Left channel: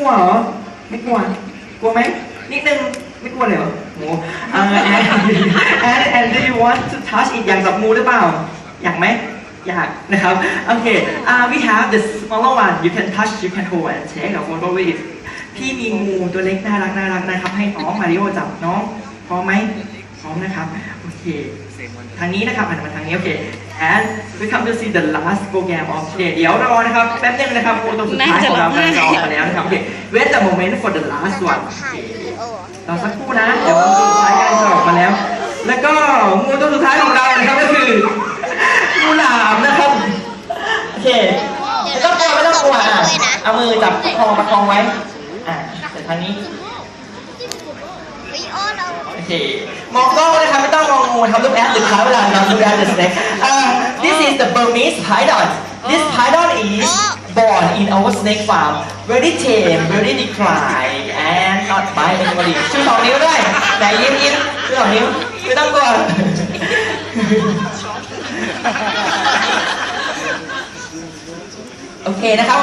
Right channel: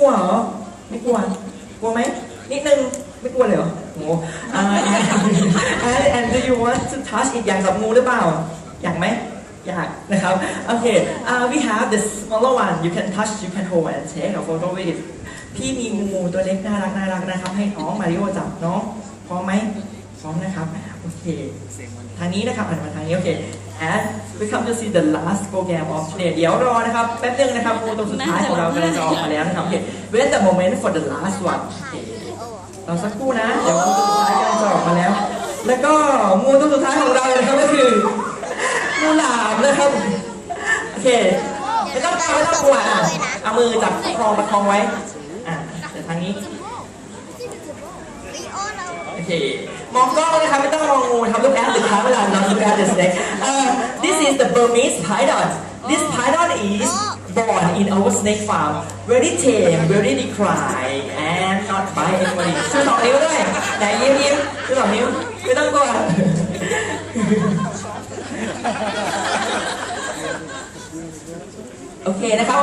ลัวเหรอ ไม่กลัว กลัวไหมนิดนึง ไม่กลัวเลยเหรอโหอ่า and and do you want to touch it อยากจับงูหรือเปล่า อยากไหม อยากนะครับ โอเค uh, we have the smaller one you can touch you can hold and take a photo with it พี่มีงูตัวเล็กน่ารักน่ารักนะครับ ให้น้องมาริโอจับน้องพร้อมไหมพร้อมนะครับ ทางนี้นะครับหันมาทางนี้ โอเค and we come to see the last program of today เดี๋ยวรอนะครับ แป๊บนึงนะครับงูตัวสุดท้ายของเรากำลังจะออกมาแล้วนะครับ โอเค wait the moment for the last one เราสักครู่นะ เดี๋ยวงูตัวสุดท้ายกำลังจะออกมาแล้ว แล้วก็งูตัวสุดท้ายของเรานะครับก็คืองูหลามนะครับ โอเคไม่ต้องกลัวไม่ต้องกลัวอะเอามือจับคอประคองไว้ อะแต่ทางนี้ เราโอเคมองกล้องนะครับไม่ต้องมองงูทำลูกแอปหรือเท้าเวลาทำลูกแอป the snake uh, this is the Burmese python this python is born in our snake farm very tame very decline and not by anybody ชูสองนิ้วด้วยไหนยิ้มยิ้มชูสองนิ้วไม่ต้องกลัวโอเคนะครับ